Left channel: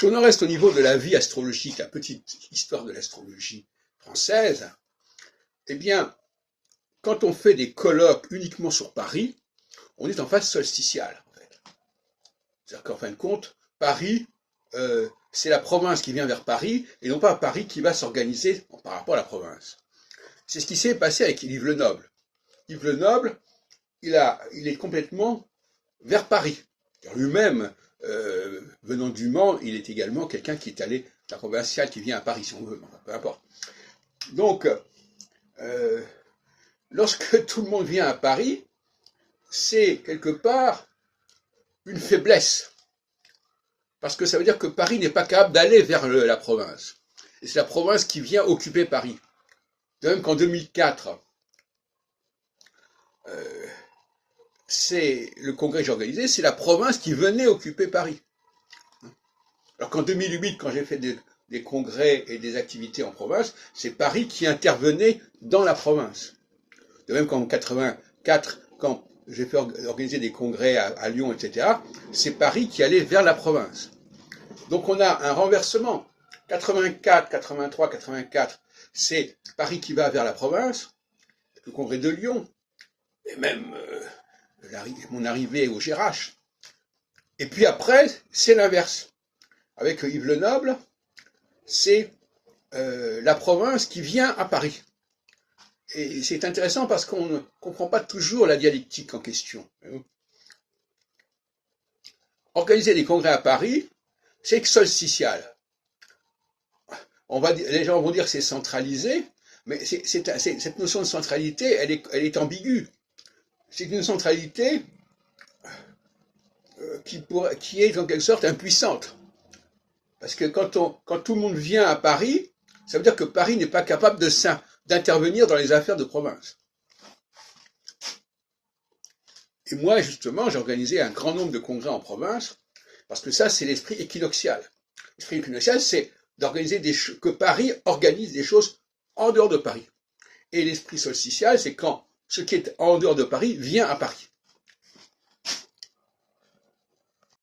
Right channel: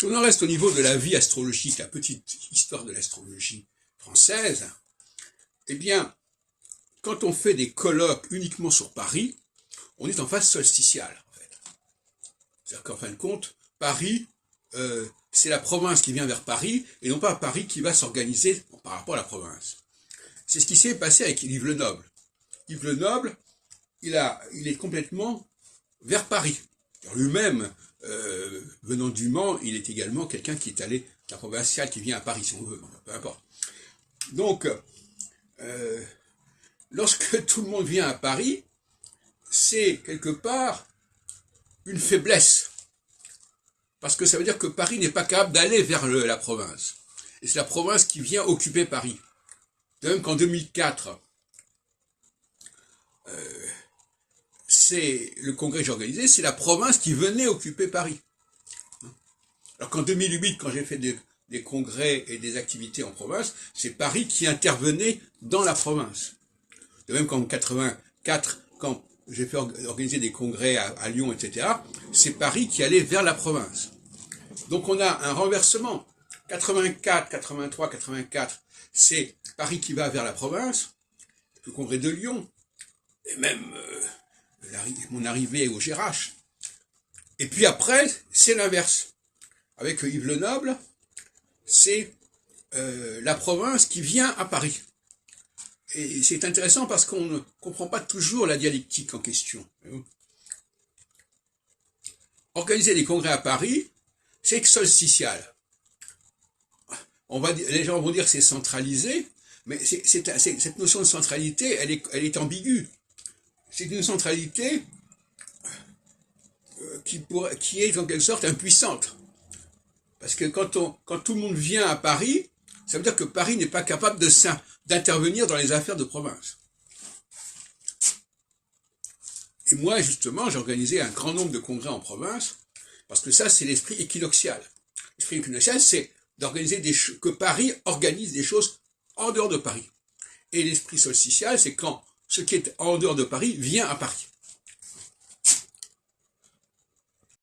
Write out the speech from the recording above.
Si on en reste au niveau de la vie astrologique, la petite histoire de l'astrologie française, eh bien, quand on fait des colloques uniquement sur Paris, on est en phase solsticiale, en fait. C'est-à-dire qu'en fin de compte, Paris, c'est la province qui vient vers Paris, et non pas Paris qui va s'organiser par rapport à la province. C'est ce qui s'est passé avec Yves Le Noble. Yves Le Noble, il est complètement vers Paris. Lui-même, venant du Mans, il est également quelqu'un qui est allé, la provinciale qui vient à Paris, si on veut, peu importe. Donc, lorsque tout le monde vient à Paris, c'est quelque part une faiblesse. Parce que ça veut dire que Paris n'est pas capable d'aller vers la province. Et c'est la province qui vient occuper Paris. De même qu'en 2004, c'est le congrès que j'ai organisé, c'est la province qui venait occuper Paris. Alors qu'en 2008, quand j'ai fait des congrès et des activités en province, c'est Paris qui intervenait dans la province. De même qu'en 84, quand j'ai fait organiser des congrès à Lyon, etc., c'est Paris qui allait vers la province. Donc on a un renversement. 84, 83, 84, c'est Paris qui va vers la province, le congrès de Lyon, et même mon arrivée au GRH. Et puis après, c'est l'inverse. Avec Yves Le Noble, c'est la province qui vient à Paris. Et c'est intéressant parce qu'on ne comprend pas toujours la dialectique en question. Organiser des congrès à Paris, c'est solsticial. Les gens vont dire que c'est centralisé, mais cette notion de centralité, elle est ambiguë. C'est une centralité qui est en quelque sorte impuissante. Parce que quand tout le monde vient à Paris, ça veut dire que Paris n'est pas capable d'intervenir dans les affaires de province. Et moi, justement, j'ai organisé un grand nombre de congrès en province, parce que ça, c'est l'esprit équinoxial. L'esprit équinoxial, c'est d'organiser que Paris organise des choses en dehors de Paris. Et l'esprit solsticial, c'est quand ce qui est en dehors de Paris vient à Paris.